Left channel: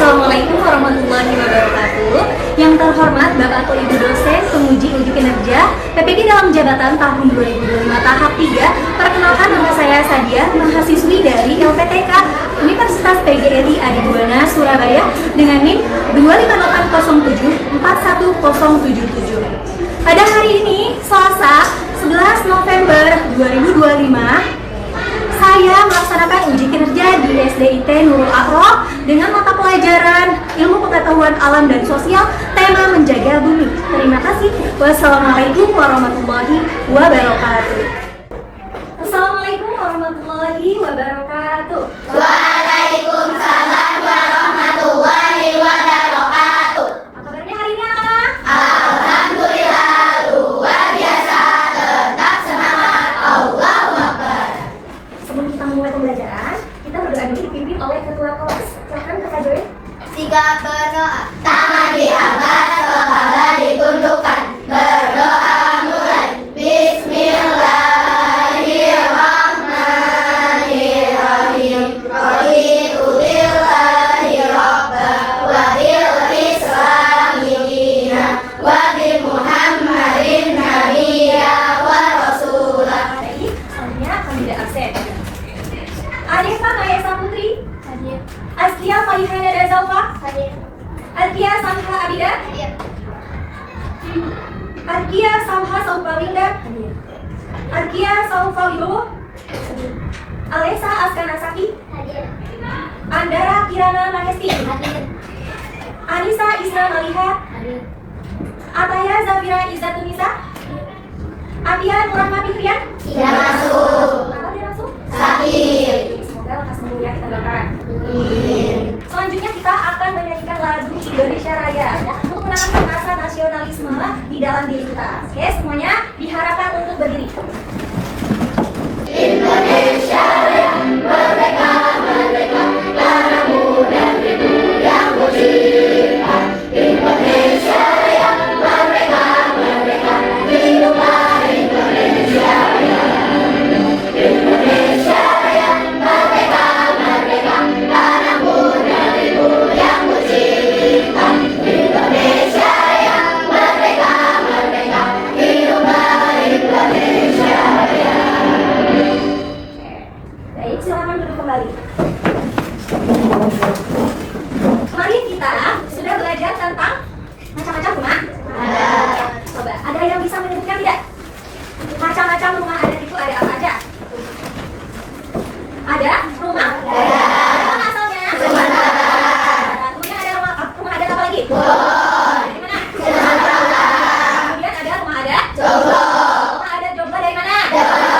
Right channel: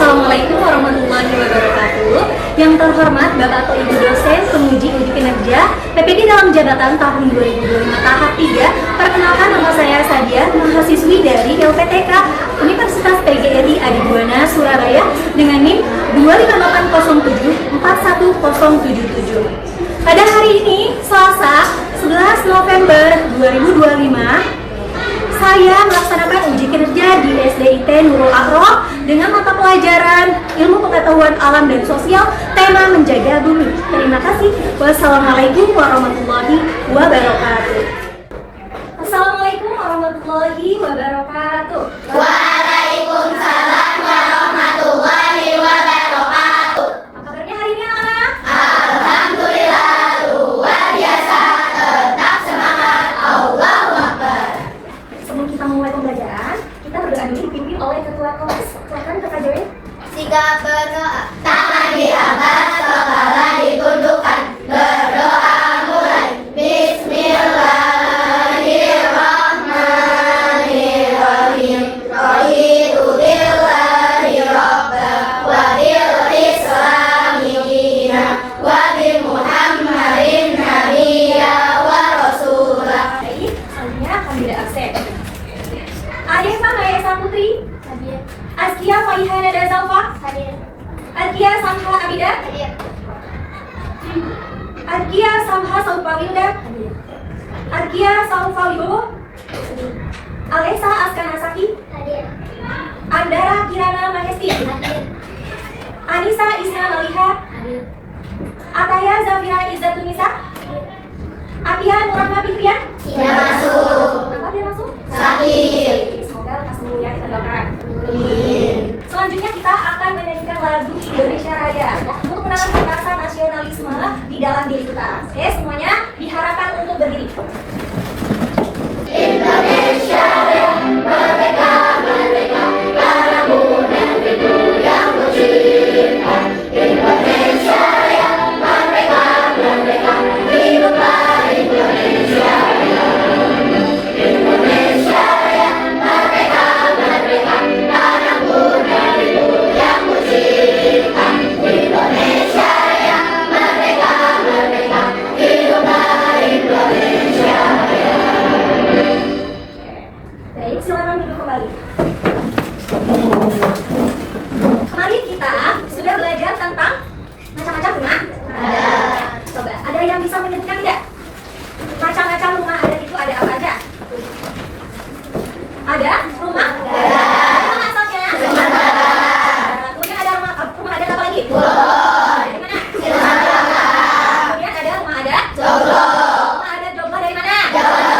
Assalamualaikum warahmatullahi wabarakatuh. Yang terhormat Bapak atau Ibu dosen penguji uji kinerja PPG dalam jabatan tahun 2025 tahap 3. Perkenalkan, nama saya Sadia, mahasiswi dari LPTK Universitas PGRI Adibuana Surabaya dengan NIM 25807410077. Pada hari ini, Selasa 11 November 2025, saya melaksanakan uji kinerja di SDIT Nurul Akroh dengan mata pelajaran Ilmu Pengetahuan Alam dan Sosial, tema Menjaga Bumi. Terima kasih. Wassalamualaikum warahmatullahi wabarakatuh. Assalamualaikum warahmatullahi wabarakatuh. Waalaikumsalam warahmatullahi wabarakatuh. Apa kabarnya hari ini, anak-anak? Alhamdulillah luar biasa, tetap semangat, Allahu Akbar. Sebelum kita mulai pembelajaran, kita berdoa dulu dipimpin oleh ketua kelas. Silakan Kak Joy. Sikap berdoa, tangan diangkat, kepala ditundukkan. Berdoa mulai. Bismillahirrahmanirrahim. Raditu billahi rabban wa bil islami dinan wa bi Muhammadin nabiyya wa rasulah. Baik, selanjutnya kami tidak absen. Adefa Mayasa Putri, Hadir. Askia Faihana Dazalfa, Hadir. Arkia Samha Abida, Hadir. Arkia Samha Saufa Wilda, Arkia Saufa Wibowo, Alesa Askana Saki, Hadir. Andara Kirana Mahesti, Hadir. Anissa Isna Maliha, Hadir. Ataya Zafira Izzatunisa, Atia Nurahma Fitrian. Tidak masuk. Kenapa dia masuk? Sakit. Semoga lekas sembuh ya, kita doakan. Amin. Selanjutnya kita akan menyanyikan lagu Indonesia Raya untuk menanamkan rasa nasionalisme di dalam diri kita. Oke, semuanya diharapkan untuk berdiri. Indonesia Raya, merdeka, merdeka, tanahmu negeriku yang ku cinta. Indonesia Raya, merdeka, merdeka, hiduplah Indonesia Raya. Indonesia Raya, merdeka, merdeka, tanahmu negeriku yang ku cinta. Indonesia Raya, merdeka, merdeka, hiduplah Indonesia Raya. Baik, silakan duduk kembali. Kemarin kita sudah belajar tentang macam-macam rumah. Coba, ada yang bisa menyebutkan tidak? Macam-macam rumah adat itu ada apa aja? Ada rumah? Ada asalnya? Kemudian ada rumah adat apa lagi? Dari mana? Kemudian ada rumah adat? Rumah adat Joglo dari mana? Kemudian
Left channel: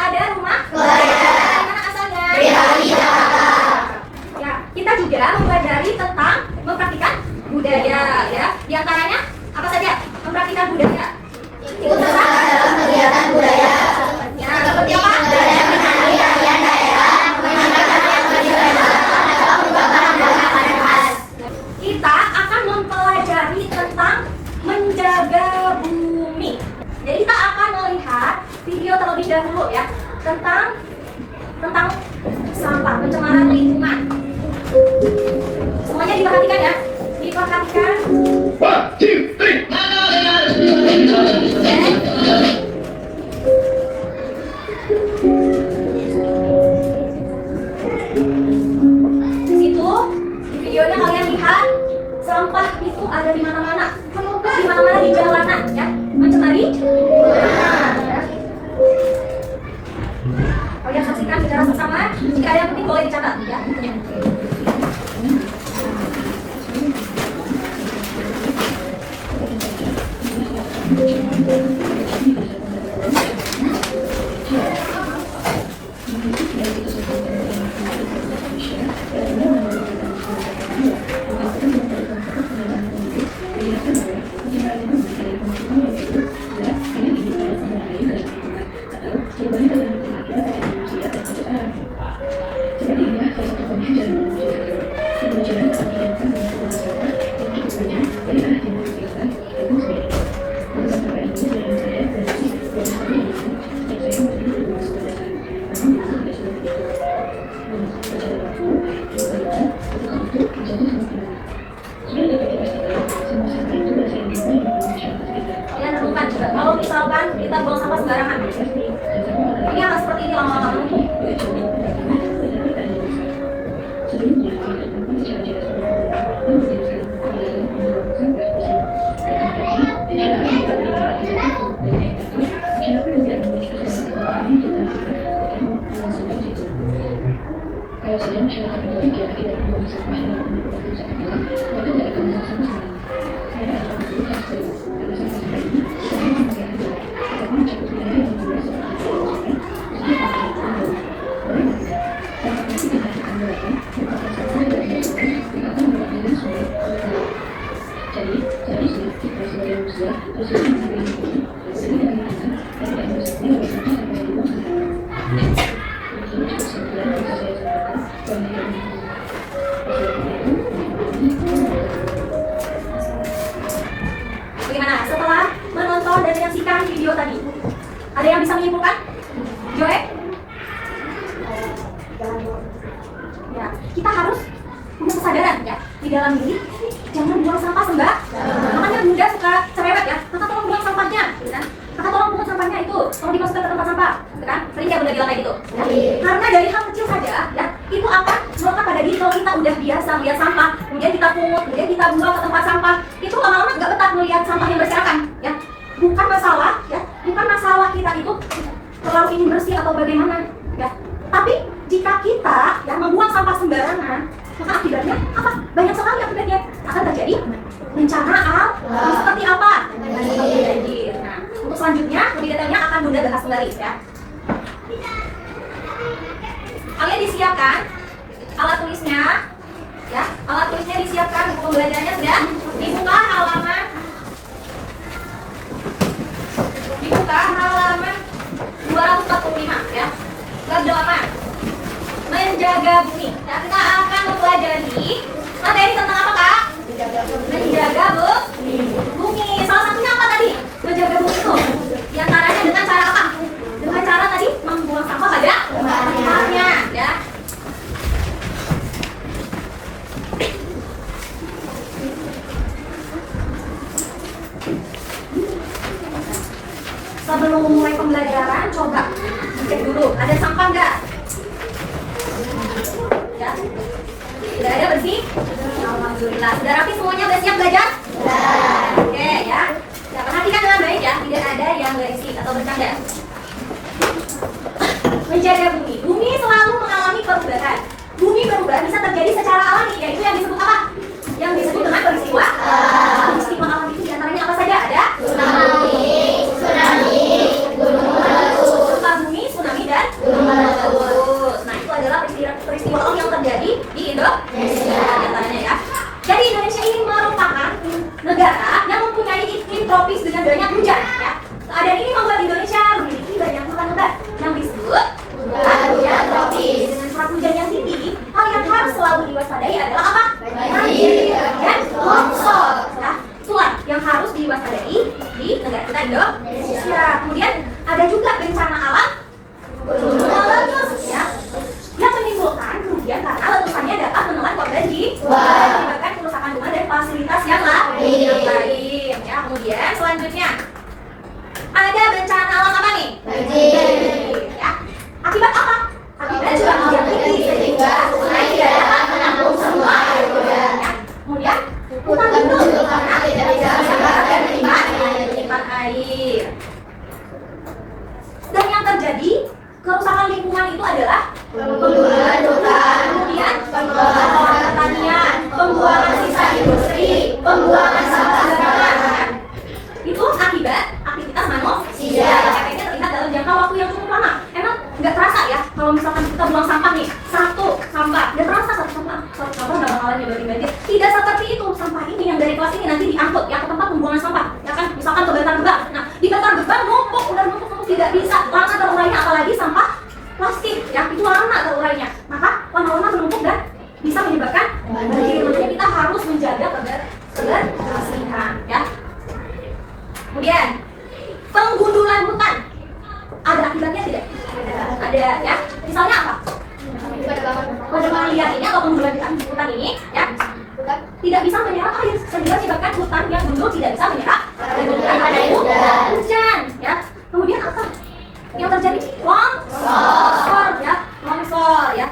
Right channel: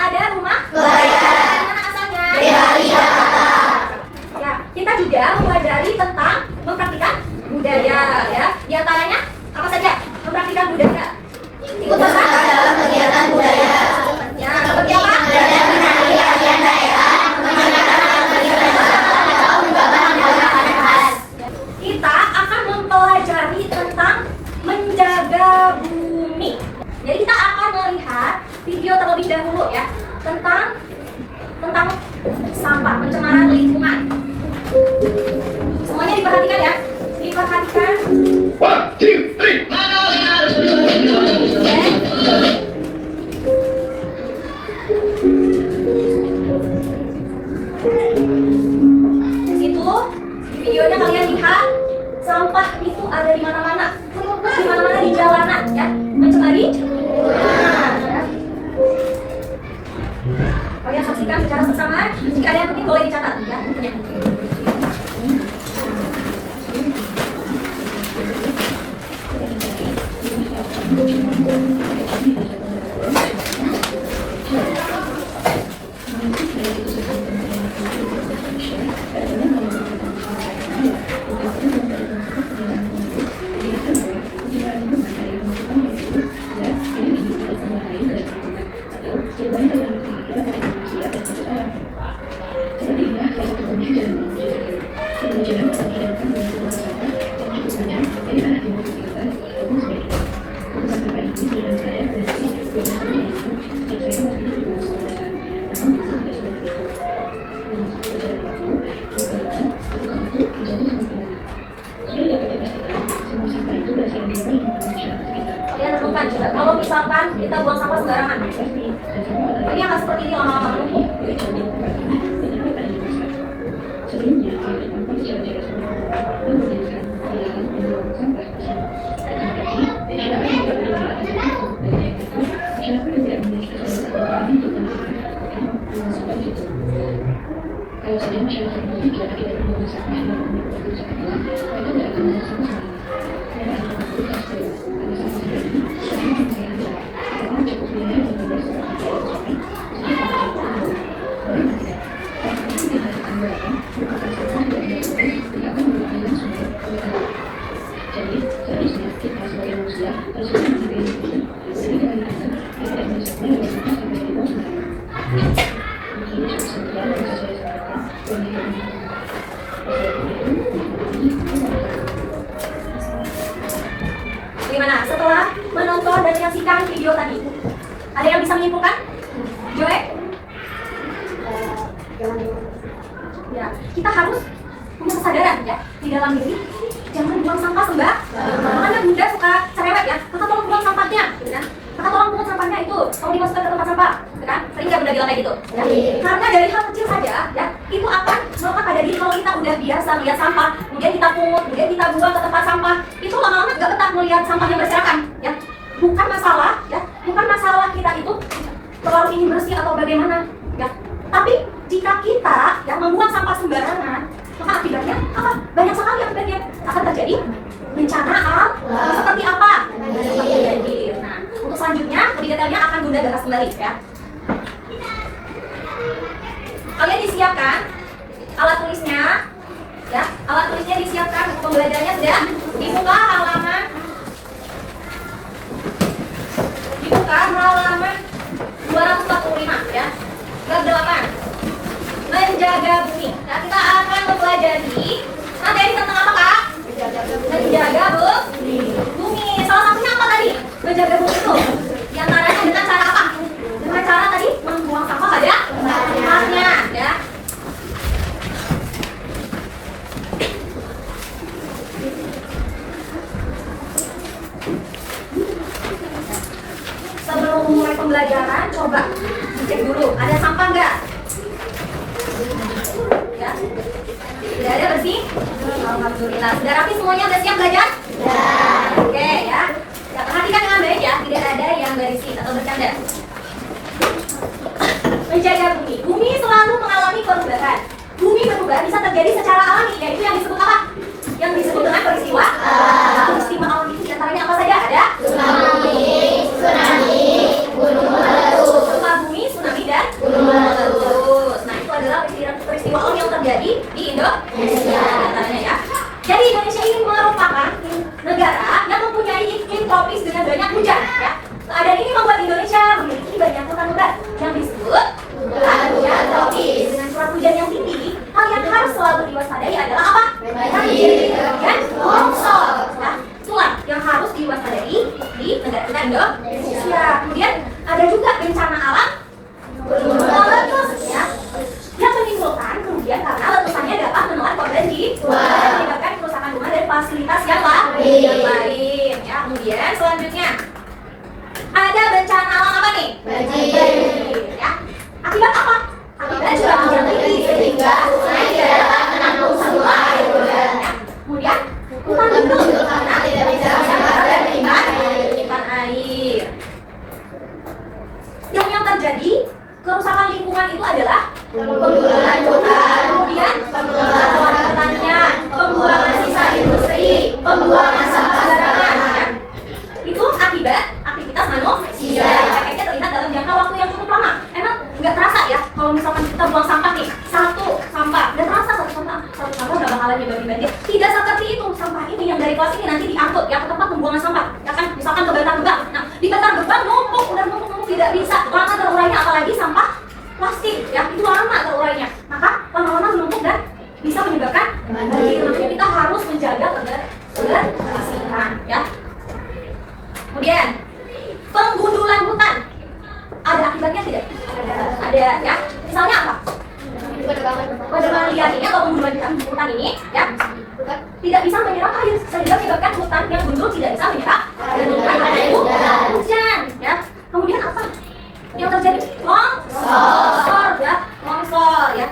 ada rumah? Dari mana asalnya? Ya, kita juga mempelajari tentang mempraktikkan budaya, ya. Di antaranya apa saja? Mempraktikkan budaya. Ikut serta dalam kegiatan budaya ya, seperti apa? menari tarian daerah, menyaksikan tradisional atau mencoba makanan khas. Kita akan mempelajari tentang menjaga bumi. Jadi kita akan melihat video terlebih dahulu ya tentang sampah, pencemaran lingkungan. Semuanya diperhatikan ya, diperhatikan. 1, 2, 3. Di situ di videonya kalian lihat sampah itu ada di mana-mana, di mana-mana di jalanan ya, mencemari lingkungan. Ya. Kalian saksikan secara bersama. Jika ada yang penting boleh dicatat ya. buang sampah sembarangan. Ini akan seperti ini lama-lama. Kalau sudah masyarakat berpikir tidak membuang sampah dan membuang sampah, mereka tidak akan membuang sampah. Mereka akan membuka steril karena sampah seperti ini selalu memakai hati. Karena cukup biaya dan membuang sampah di dalam sungai, jadi akan menjadi sampah itu tidak akan berapa, merupakan sampah tidak dilakukan, tidak akan beraliran sungai ke tanah. Jadi, seharusnya kita sebagai manusia harus bisa menghargai lingkungan, sehingga kita tidak merusak lewat sampah sampai dibuang sembarangan. Ini cukup sekian yang bisa saya sampaikan. Gimana? Setelah menonton dan menyaksikan video tadi, ada yang bisa menyimpulkan? Joe? Ya, kita harus punya kesadaran ya di dalam diri. Jangan buang sampah makanya Bunda suka cerewet ya. Kakak tolong buang sampahnya, gitu kan? Kakak tolong pungut sampahnya itu, tolong dimasukkan ke tempat sampah, gitu kan? Sering ya Bunda bilang kayak gitu. Karena dari hal kecil saja ya, itu akan melekat pada diri. Kalau kita udah biasa melihat sampah, kemudian kita pungut, kemudian kita buang ke tempat sampah, itu lama-lama nggak betah melihat sampah yang berserakan, ya. Bukan masalah, ya, bukan masalah kita itu terlalu ingin bersih atau bagaimana, ya. Tapi jika kita ya membuang sampah sembarangan, maka akibatnya apa? Banyak sekali akibatnya akan terjadi bencana alam. Seperti apa? Seperti banjir. Nah, untuk selanjutnya lebih detailnya akan Bunda bahas kembali ya. Kalian disiapkan alat tulisnya, ya. Alat tulisnya disiapkan, buku pembelajarannya sudah dibuka halaman 245 ya. Bab 8. Menjaga bumi. Nah, kita akan mempelajari materi tentang apa, Kak? Menjaga bumi. Salah satunya apa tadi? Menjaga bumi itu. Di antaranya dengan cara apa? Dengan cara tadi membuang sampah pada tempatnya, ya. Sebelum memulai pembelajaran, coba dicek dulu ada sampah nggak? Ya, sudah ada bersih? Alhamdulillah. Sudah rapi semuanya? Sudah siap belajar? Oke ya. Nah, perhatikan dengan baik ya, tidak ada yang berisik atau bercanda. Menjaga bumi. Bumi selalu mengalami perubahan. Bumi berubah bisa terjadi secara alami, yaitu yang disebut apa? Yang disebut dengan peristiwa. Peristiwa alam itu diantaranya apa saja? Ada tsunami, gunung meletus, gempa bumi, tsunami dan gunung meletus. Nah, itu adalah peristiwa alam yang terjadi di Indonesia, diantaranya ya. Jadi Indonesia ini merupakan negara yang mempunyai iklim tropis dengan banyak hujan ya. Keadaan ini membuat Indonesia memiliki banyak hutan lebat yang disebut hujan tropis. Dengan curah hujan yang tinggi, hal yang harus selalu diwaspadai adalah apa? Banjir dan longsor. Ya, itulah yang harus diwaspadai di negara kita Indonesia. Kemudian ada juga bencana alam gunung meletus ya, yang menimbulkan kerugian karena letusannya dapat menelan korban jiwa dan menyebabkan kerusakan rumah dan fasilitas yang lain. Ya, kemudian selanjutnya ada bencana alam apa nih? Banjir. Ya. Akibat apa? Akibat curah hujan tinggi sehingga sungai tidak dapat menampung semua air hujan. Ya. Kemudian hutan lindung karena tidak bisa dan menyimpan air. Dan yang terjadi kerusakan lingkungan itu adalah pembuangan hutan, kemudian pembuangan pertanian, pembuangan sisa industri, pembuangan sampah sembarangan. Itu akibat aktivitas manusia. Efeknya terlihat dalam jangka waktu yang cukup lama. Emang nggak terasa ya kalau misalkan kita buang sampah nih, satu sampah, dan terasa satu sampah nggak bakalan nyebabin banjir. Tidak seperti itu. Sampah ini yang dari kelas ini nanti diangkut ya ke tempat pembuangan sampah, ya kan? Misalkan ke Bantar Gebang. Nah, di Bantar Gebang numpuk tidak bisa lama terurainya, apalagi sampah plastik ya, itu lama terurainya. Maka lama-lama menumpuk dan bisa menyebabkan banjir. Makanya kita harus menjaga kebersihan ya. Kemudian penggundulan hutan ada akibatnya tidak? Ada ya. Misalnya apa? Penebangan liar ini atau penggundulan hutan ini ya tidak bisa menyerap air, sehingga menyebabkan hutan yang gundul tidak bisa menyerap hujan ya. Kemudian Longsor ya, longsor ya.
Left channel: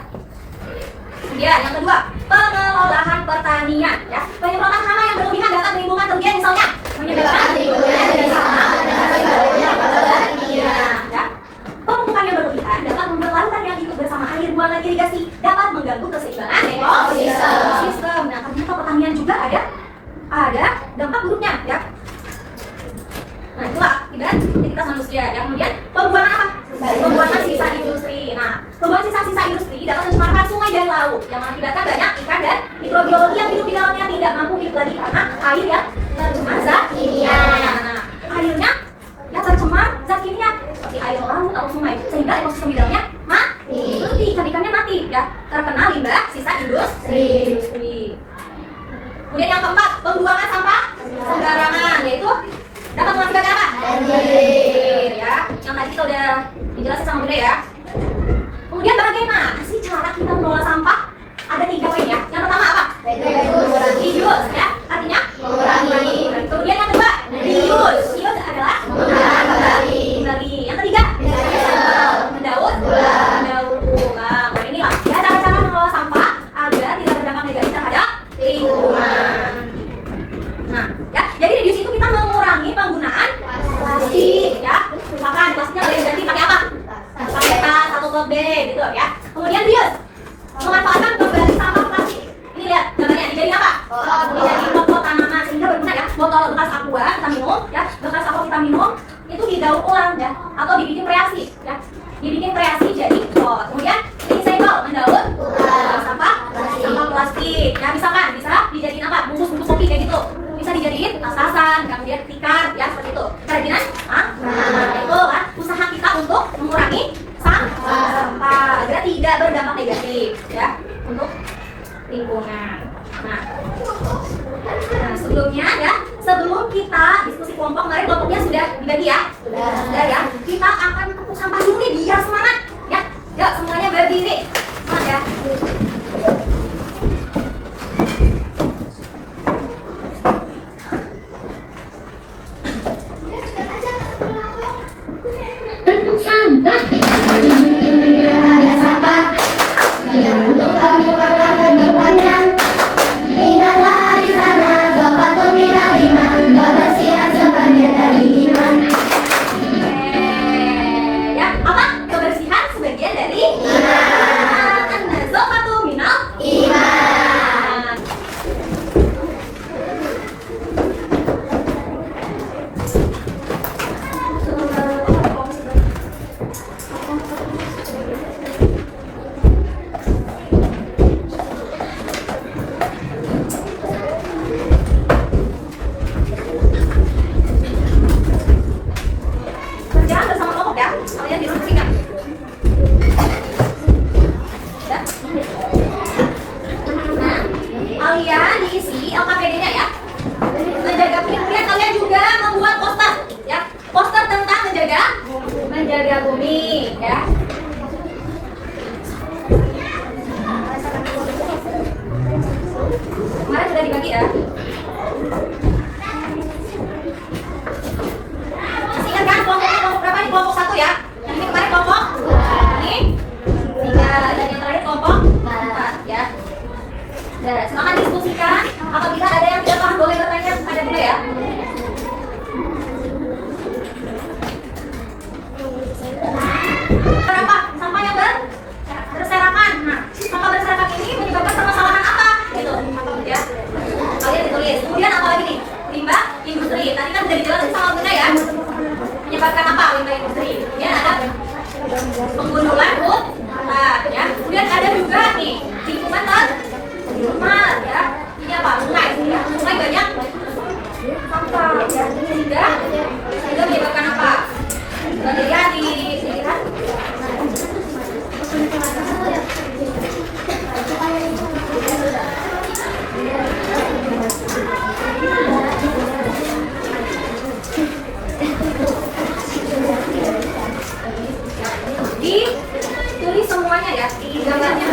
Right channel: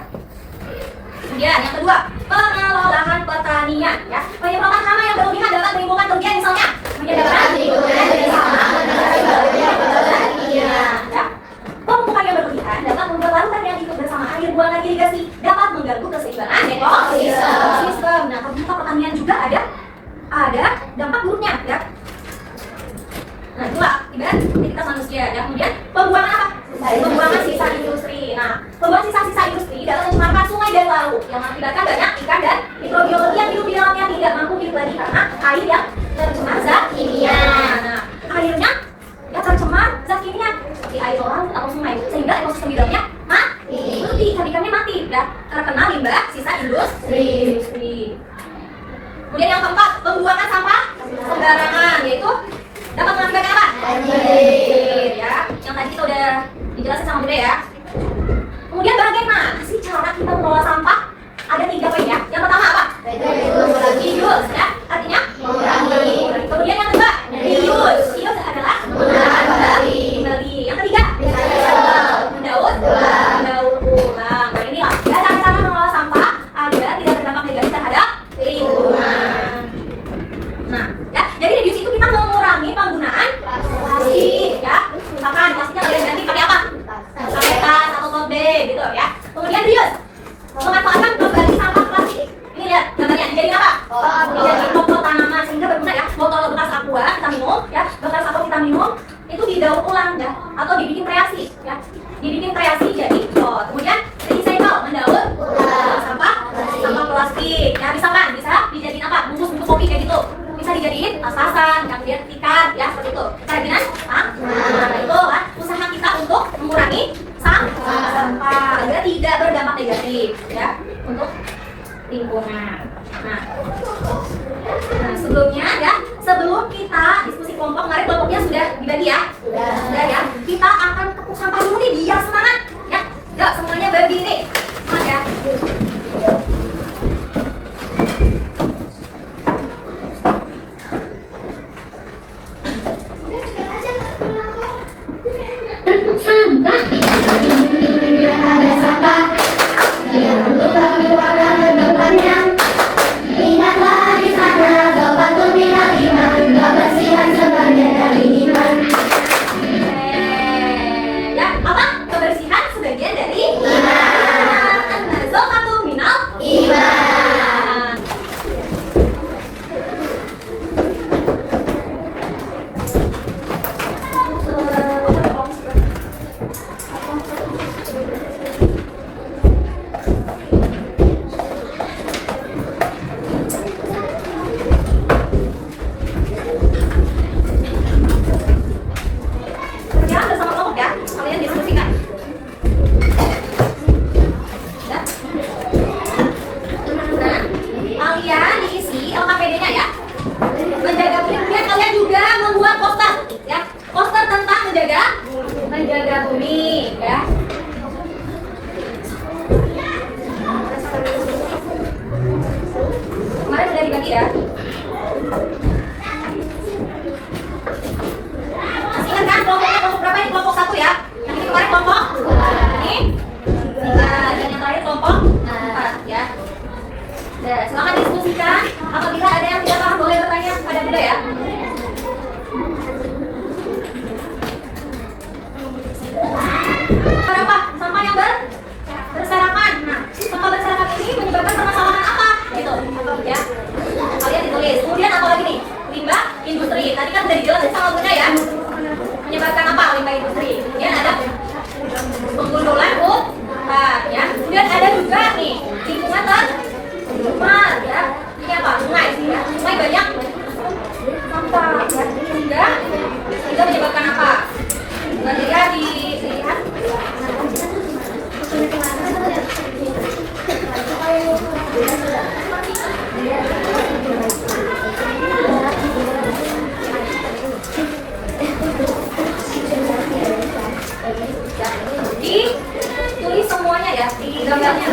Kemudian yang kedua, pengelolaan pertanian ya. Penyemprotan hama yang berlebihan dapat menimbulkan kerugian misalnya menyebabkan timbulnya jenis hama ya. Pemupukan yang berlebihan dapat membuat larutan yang ikut bersama air buangan irigasi dapat mengganggu keseimbangan ekosistem. Nah, ternyata pertanian juga ada dampak buruknya ya. Nah, itulah ibarat aktivitas manusia. Dan kemudian pembuangan apa? Pembuangan sisa industri. Nah, pembuangan sisa-sisa industri dapat mencemarkan sungai dan laut yang mengakibatkan banyak ikan dan mikrobiologi yang hidup di dalamnya tidak mampu hidup lagi karena air yang tercemar zat kimia. Nah, airnya yang tercemar zat kimia seperti air laut atau sungai sehingga ekosistem di dalamnya mati. Ikan-ikannya mati ya, terkena limbah sisa industri. Kemudian yang keempat, pembuangan sampah sembarangan, yaitu dapat mengakibatkan apa? Banjir ya. Yang tadi kita udah dijelasin sama Bunda ya. Kemudian bagaimana sih cara kita mengelola sampah? Ada 3 P ya. Yang pertama apa? Reduce ya. Artinya mengurangi. Kemudian yang kedua, reuse. Reuse adalah kembali. Yang ketiga, mendaur ulang. Nah, inilah ya cara-cara mengelola sampah agar tidak berdampak negatif terhadap lingkungan. Nah, ya, jadi reduce itu kita mengurangi penggunaan plastik ya. Misalkan plastiknya boleh ganti pakai apa? Pakai tas atau tote bag gitu ya. Kemudian reuse, memanfaatkan kembali sampah plastik. Ini lihat gambarnya, dijadiin apa? Dijadiin pot tanaman sehingga berguna ya. Botol bekas aqua kita minum ya, bekas aqua kita minum itu didaur ulang ya, atau dibikin kreasi ya. Dibikin kreasi jadi pot. Kemudian recycle, mendaur ulang sampah plastik. Ya, misalkan bisa dijadiin apa? Bungkus kopi kayak gitu. Bisa dijadiin tas-tasan, kemudian tikar ya, seperti itu. Kerajinan nah, itu kan usaha kita untuk mengurangi sampah agar tidak berdampak negatif ya untuk lingkungan. Nah, sebelum kita diskusi kelompok, kemarin kelompoknya sudah dibagi ya, sudah ya. Kita akan tepuk sampah dulu nih biar semangat ya. Yuk semuanya berdiri, semangat ya. Ada sampah yang untuk keluarga kedepannya. Ingatlah di sana dapat membina iman, kebersihan sebagian dari iman. Ya, apa? Kebersihan sebagian dari iman. Zofatu minal iman. Kerjaan bersama kelompok ya, kalian diskusikan. Ya. Nah, kalian diisi LKPD-nya ya. Menjaga bumi, kemudian kalian juga membuat poster ya. Poster tentang menjaga bumi ya. Kemarin sudah dibagi ya. Masih ingat kan kelompoknya kelompok berapa nih? Kelompok 1 ya. Yang ini kemarin kelompok ini 3 dan yang terakhir kelompok 4 ya. Nah, silakan diskusikan. Apabila ada yang tidak paham boleh bertanya pada Bunda ya. Berapa sampah yang berserakan? Nah, sampah berserakan ini menyebabkan permasalahan apa? Itu ya. Kalian ditulis. Kemudian apa lagi nih? Limbah industri. Tadi kan sudah dijelasin sama Bunda ya. Menyebabkan apa limbah industri? Kemudian ada penggundulan hutan ya. Kemudian ada juga nih lingkungan tercemar ya. Ini apa? Sungai ya. Sungai banyak sampah ya. Sehingga menyebabkan apa? Kemudian dilihat ditulis semuanya ya di gambarnya.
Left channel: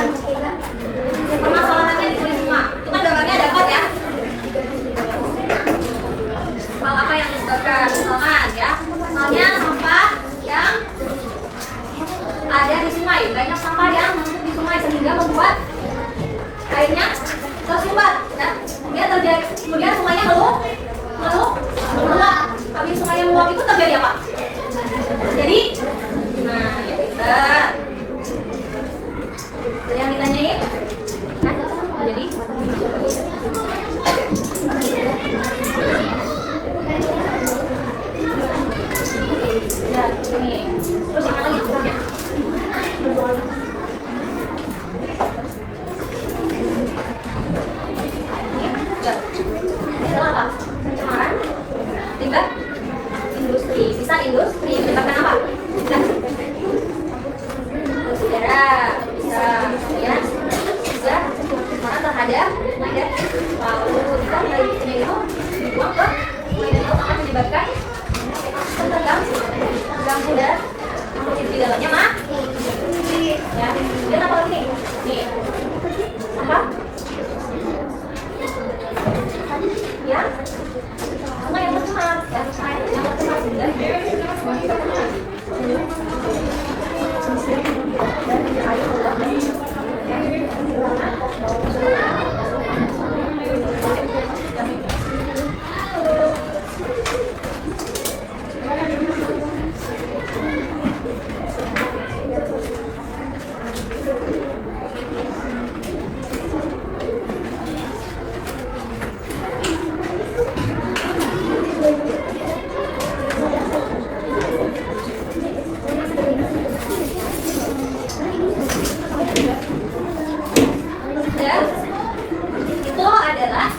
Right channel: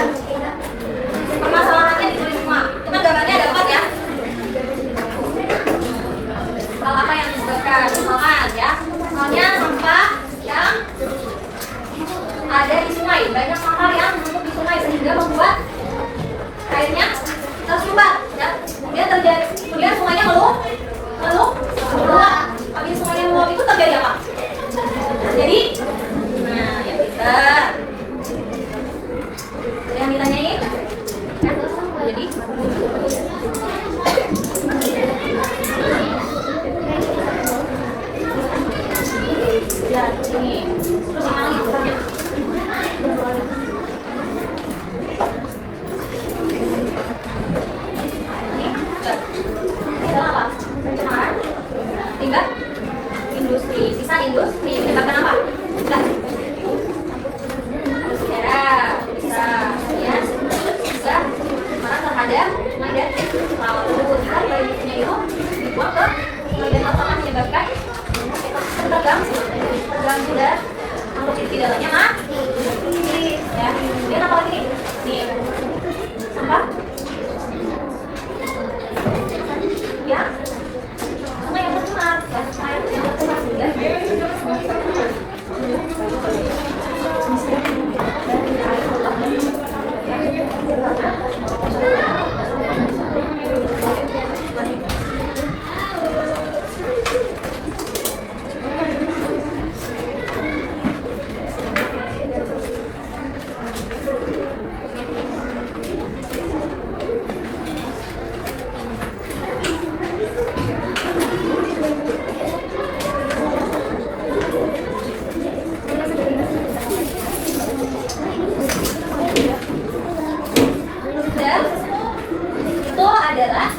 Itu adalah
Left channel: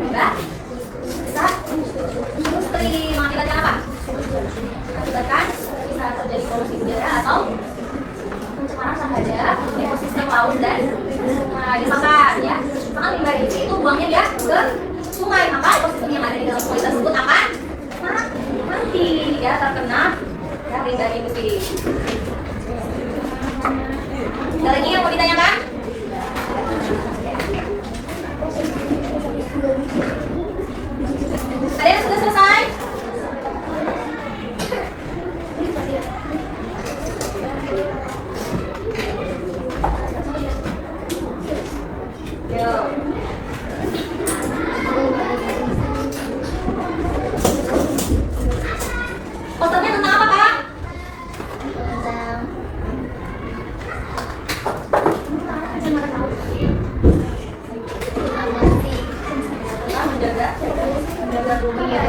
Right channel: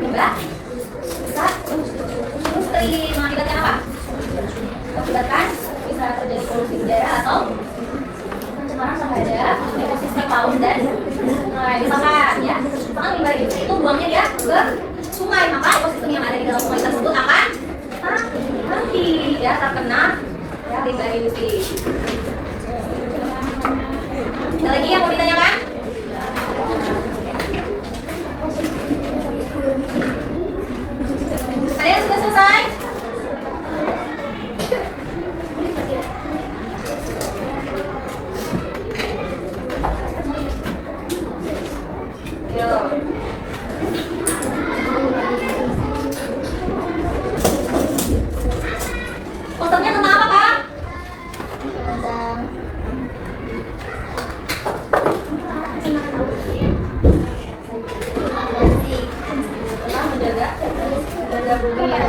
limbah industri mengakibatkan apa? Mengakibatkan bisa terjadi polusi udara atau pencemaran terhadap ekosistem laut dan disahkan ya. Maka limbah itu buangnya dia ke sungai, maka ekosistem yang ada di dalam sungai tersebut akan nanti ya terkena ya, limbah ini. Ada lagi yang mau ditanyakan? Ada yang sudah selesai? Yuk. Fotonya tentang apa, Kak? Menjaga bumi ya.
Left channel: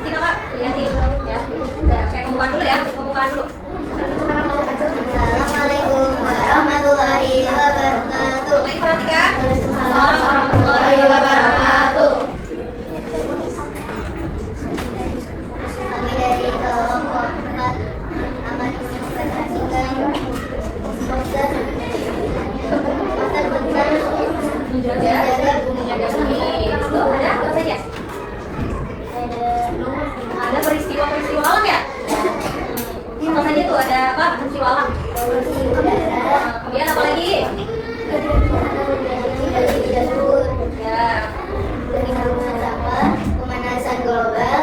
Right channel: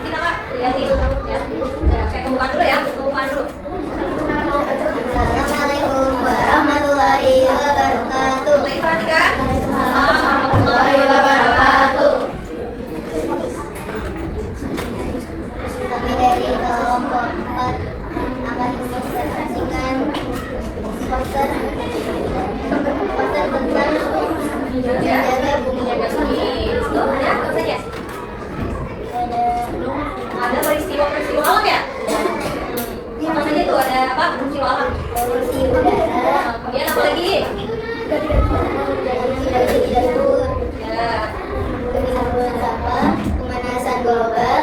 Kita Kak, lihatin ya. Saya pembukaan dulu ya, pembukaan dulu. Assalamualaikum warahmatullahi wabarakatuh. Boleh diperhatikan? Warahmatullahi wabarakatuh. Kami dari kelompok 4 akan mempresentasikan poster tentang menjaga bumi. Menjaga bumi. Itu ada apa saja? Ada peristiwa-peristiwa alam ya? Apa saja tuh? Ada apa? Peristiwa alam. Polusi udara, Kemudian apa lagi? tidak dapur, Ya. penimbunan sampah, pemanasan global,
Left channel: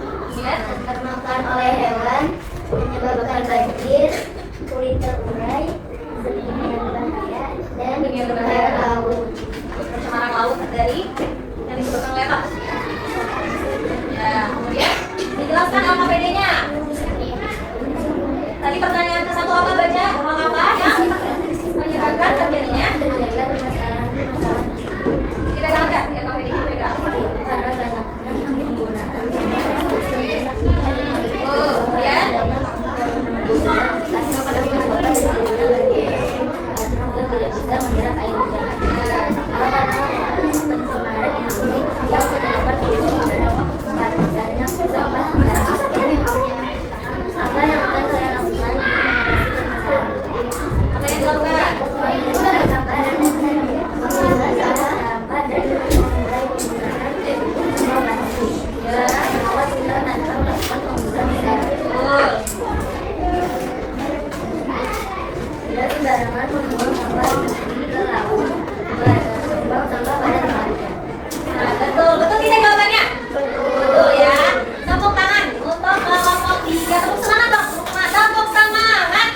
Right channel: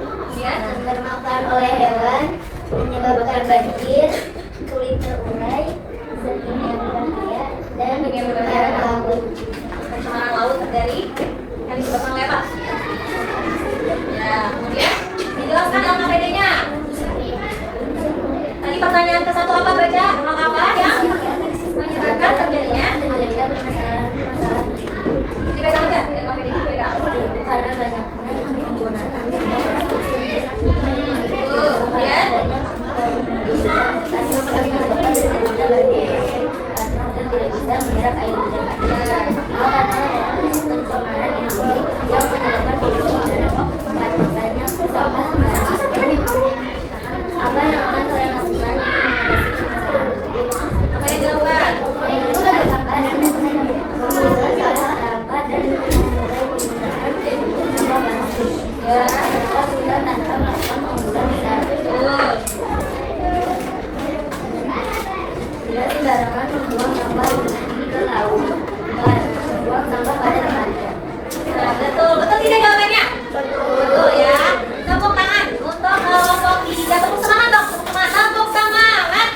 Kemudian termakan oleh hewan, menyebabkan banjir, sulit terurai, zat kimia yang berbahaya, dan pencemaran laut. pencemaran laut dari yang disebabkan oleh apa? Ya. Kemudian dijelaskan LKPD-nya. Tadi pertanyaan ke satu apa baca? Apa yang menyebabkan terjadinya? Dipegang nggak? LKPD dipegang. Kemudian apa yang dilakukan? Ya. Tidak sembarangan membuang sampah ke laut, membuang sampah pada tempatnya. Nah, betul tidak jawabannya? Betul ya. Tepuk tangan untuk kelompok 3. Tepuk semangat dong. Tepuk semangat.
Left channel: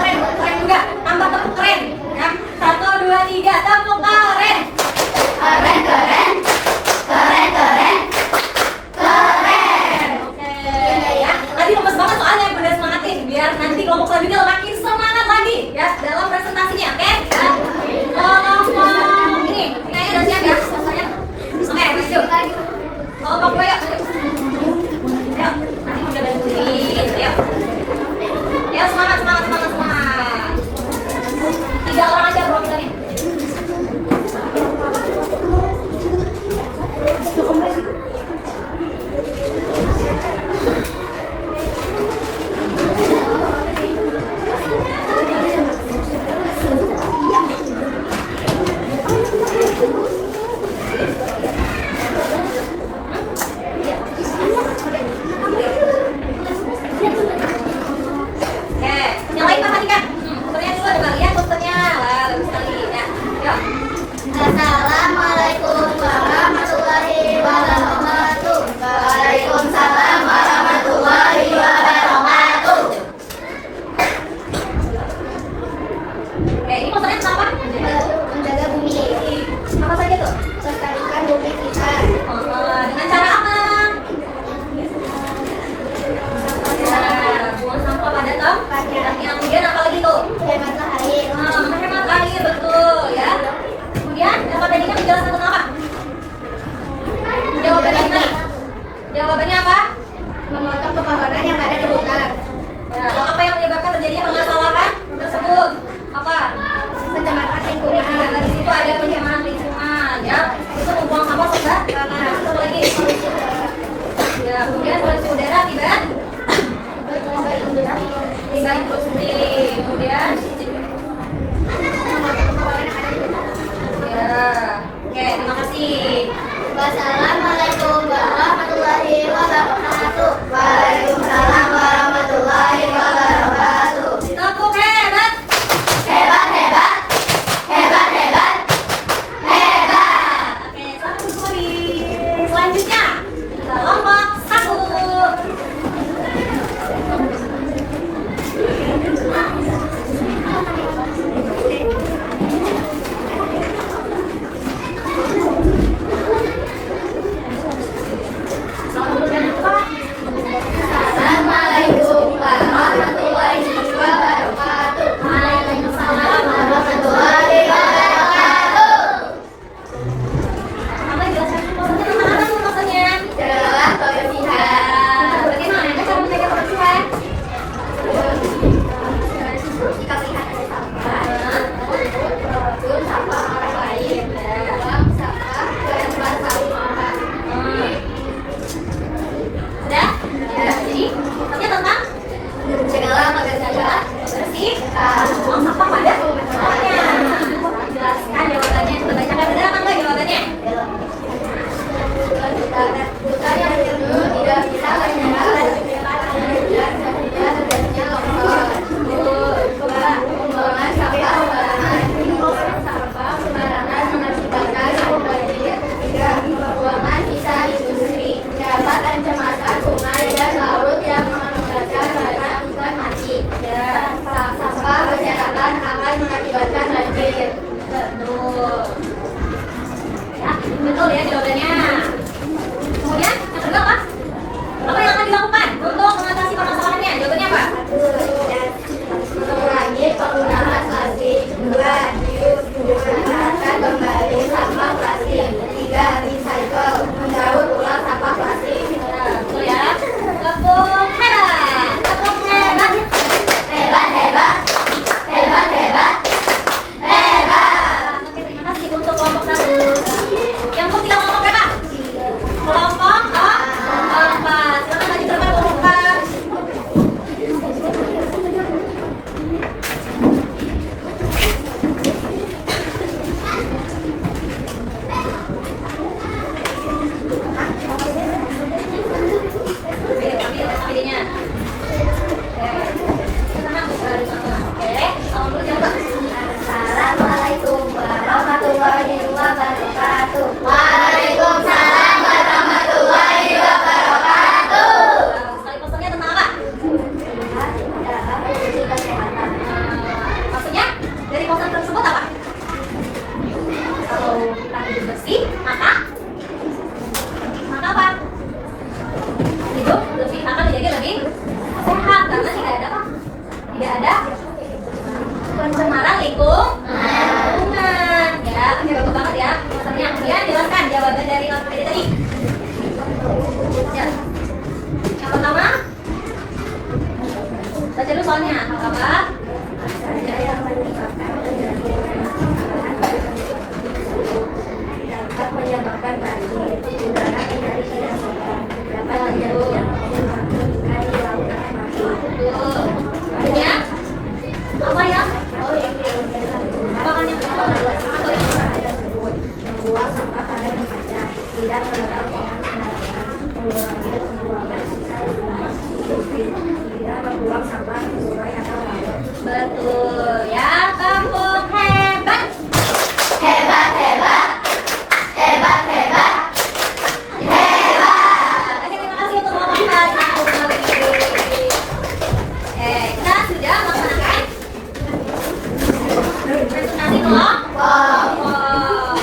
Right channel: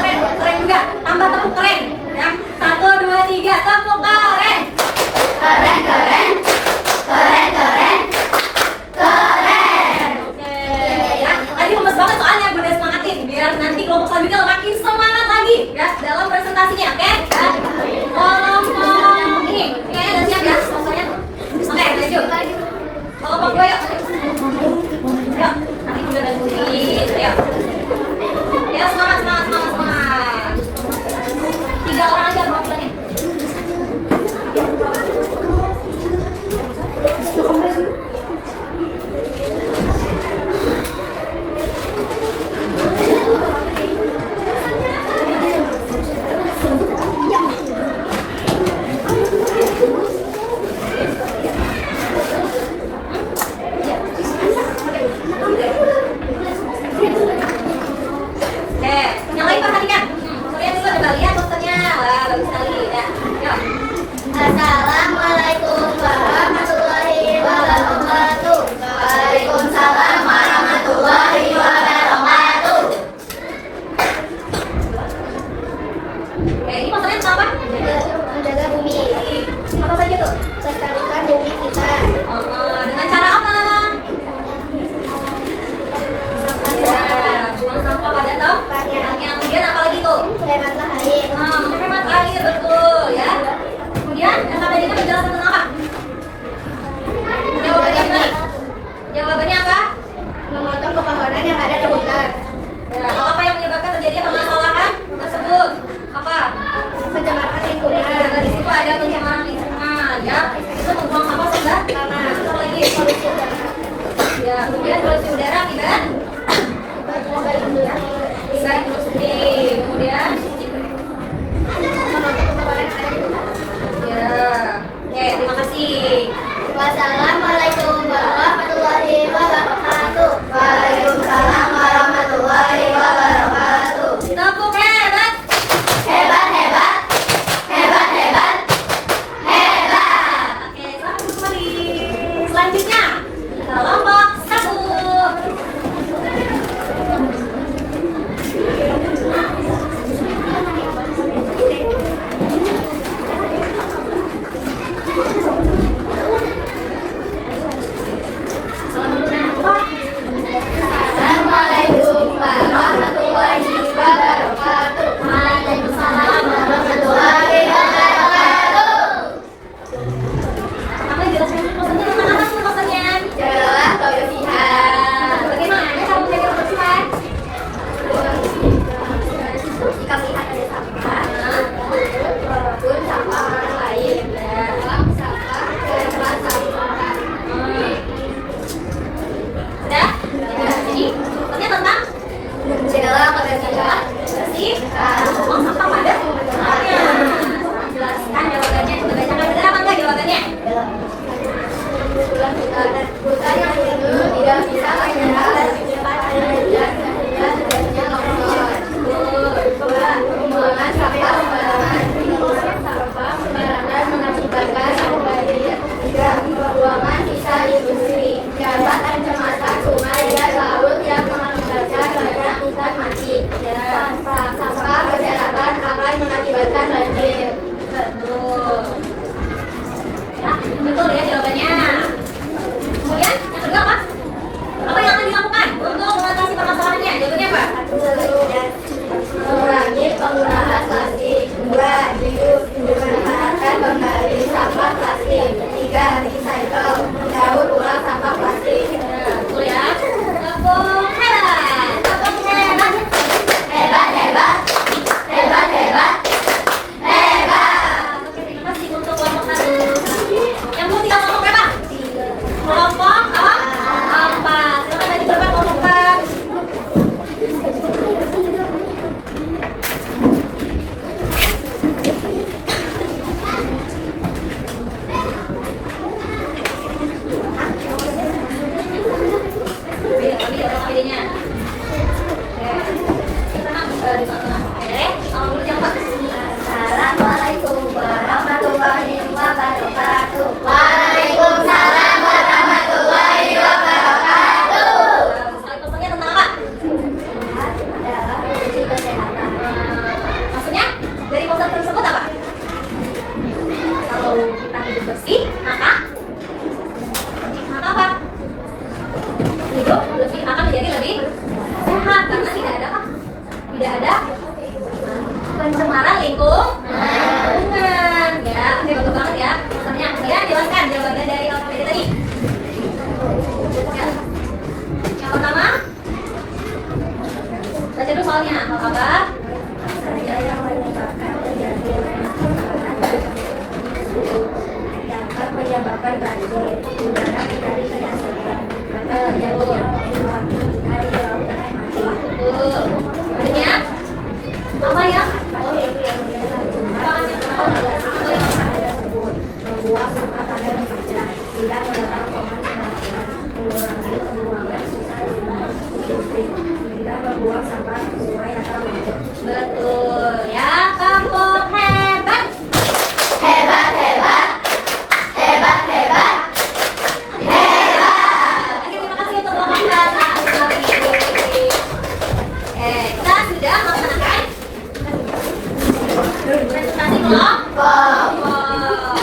Keren, keren juga. Tambah tepuk keren. Ya. 1, 2, 3. Tepuk keren. Oke ya. Tadi lemes banget soalnya, gue semangatin biar nanti kelompok selanjutnya makin semangat lagi ya dalam presentasinya, oke? Ya. Kelompok ini kayaknya udah siap ya rasanya. Oke, lanjut. Kelompok gue yuk. Yuk, nanti udah bantuin ya. Ya semangat. 3 orang aja perwakilannya. Yang lain perhatikan. Posternya dulu, coba lihat posternya. Wah, bagus sekali ya. Yuk. Assalamualaikum warahmatullahi wabarakatuh. Waalaikumsalam warahmatullahi wabarakatuh. Oke, ini posternya tentang apa? Menjaga bumi. Apa saja tuh? Lestarikan bumi kita. Dengan cara apa? Ya, buang sampah pada tempatnya. Kemudian apa lagi tuh? Hematlah air. Menghemat air, betul ya. Kemudian LKPD-nya menjelaskan tentang apa? Jawabannya apa? Memotong pepohonan yang ada di hutan. Ya. Sampah berserakan akan mengakibatkan banjir. Betul. Ya, betul ya jawabannya. Kemudian yang kedua apa? Apa yang akan dilakukan untuk mengatasi permasalahannya? Jawabannya apa? Mengurangi penggunaan plastik. 2. Memanfaatkan kembali sampah plastik. 3. Recycle. Mendaur ulang sampah plastik. Betul ya. Tepuk hebat. Tepuk hebat. Hebat, hebat. Hebat, hebat. Hebat. Oke, terima kasih untuk kelompok 1. Yang ketiga kelompok berapa? Kelompok 4. Silakan lanjut berapa kelompok 4? Ambil idenya. Oke, kamu dulu yang Assalamualaikum warahmatullahi wabarakatuh. Waalaikumsalam warahmatullahi wabarakatuh. sekali pesannya tentang apa? Dalam kondisi kesehatan. Maksudnya dari poster tersebut apa? Kalau kita hidup bersih, maka apa? Hidup bersih akan menjadi lebih sehat karena tidak ada apa? Tidak ada pencemaran lingkungan. Ya, oke betul banget ya. Posternya kemudian jelaskan jawaban dari alfabet tadi. Ya. Yang pertama, baca dulu soalnya apa? Saja yang menyebabkan terjadinya dapat menyebabkan banjir, udara menjadi tidak sehat, dapat terjadi yang menyebabkan ikan di lautan mati. Betul. Selanjutnya, apa ya? Membuang sampah pada tempatnya, tidak mengenal pemanasan, mengurangi pembuangan sisa limbah industri, tidak membuang sampah ke sungai atau laut. Betul ya, kampung hebat. Hebat, hebat, hebat, hebat, hebat. Oke, terima kasih untuk kelompok 4. Kita sudah melaksanakan presentasi kelompok.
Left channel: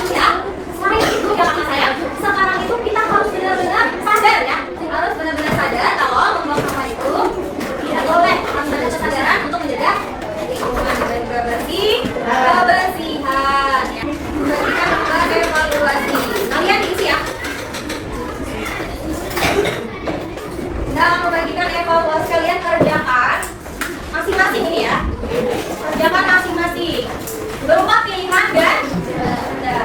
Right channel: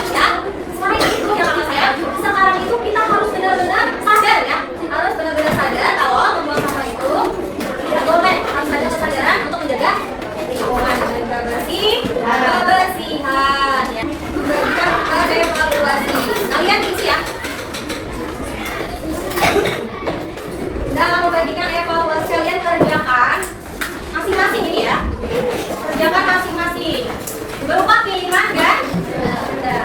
Ya, selain itu ya kakak saya, sekarang itu kita harus benar-benar sadar ya, harus benar-benar sadar kalau membuang sampah itu tidak boleh. Harus ada kesadaran untuk menjaga lingkungan dengan bersih, kebersihan. Ya. Kita ada evaluasi. Kalian diisi ya. Kita akan membagikan evaluasi kalian kerjakan masing-masing ini ya. Kerjakan masing-masing berupa pilihan dan benda.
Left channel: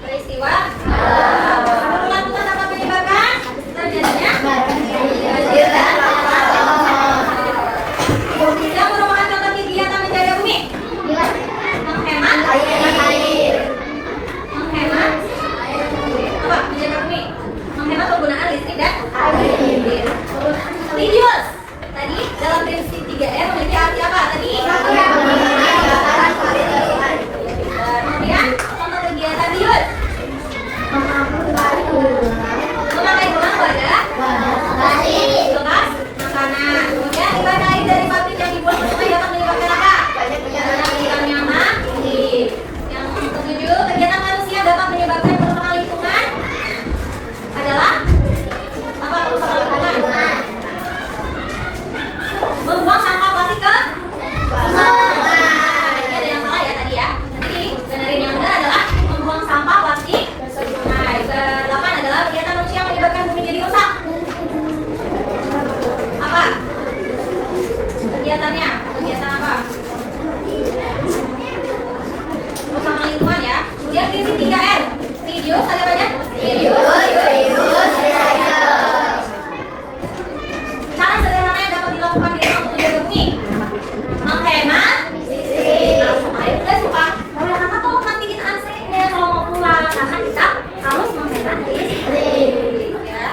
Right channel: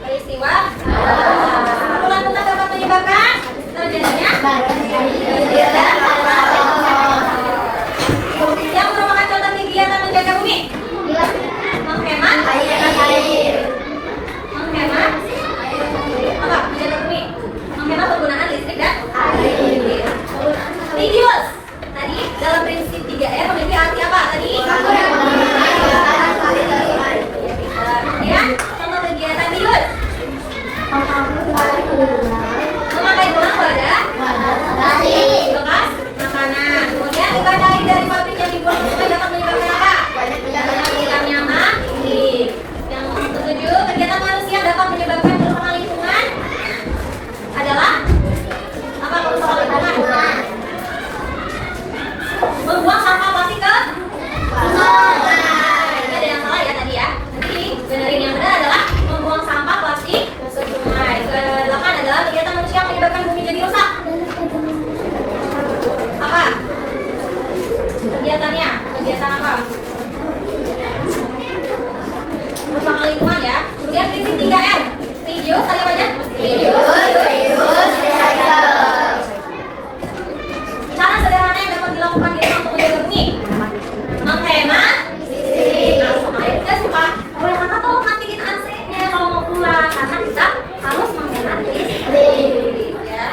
Peristiwa. Lakukan dapat menyebabkan terjadinya kegiatan apa? Yang merupakan contoh kegiatan menjaga bumi. Menghemat air. Menghemat apa? Menjaga bumi. Menghemat penggunaan listrik dan air. Tidius. Tadi dalam prinsip 3R memiliki arti apa tadi? Kemudian contoh kegiatan Tidius. Memakai gelang wadah bekas makanan. Kemudian ibadah air dari pabrik yang dibuang ke sungai dapat menyebabkan apa? Hilangnya mati. Yang ketujuh, kegiatan manusia dapat menyebabkan kerusakan lingkungan adalah apa? Kerusakan lingkungan. Membuang sampah plastik ke sungai. Ini ada yang salah ya tadi ya. Jadi benerin yang benar adalah membuang sampah plastik ke sungai. Ke-8 adalah kegiatan manusia yang menyebabkan bumi jadi rusak. Apa? Kegiatannya? Kegiatan apa? Kerusakan lingkungan ya. Kemudian prinsip 3M. Reduce, ada banyak? Cara sederhana yang dapat dilakukan di rumah untuk menjaga bumi. Menghemat listrik. Langsung aja kita suka. Kalau yang kata tolong matiin AC-nya kalau mau pulang, karena kita harus menghemat listrik. Ya.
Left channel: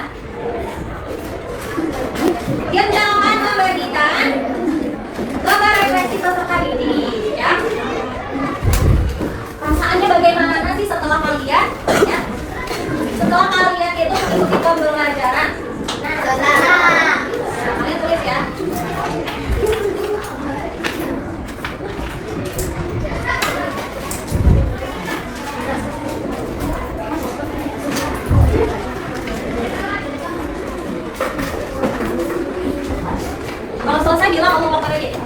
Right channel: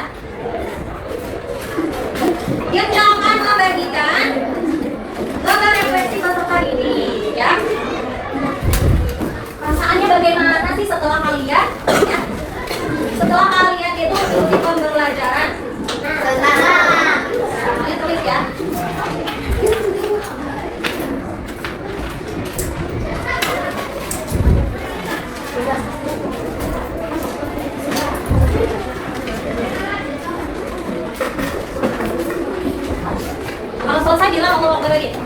Yang akan membagikan gambar refleksi peserta ini, ya. Perasaannya bagaimana sih setelah kalian, ya? Setelah kalian itu mengikuti pembelajaran? Kalian tulis ya. Kalau selesai bilang aku mau lagi.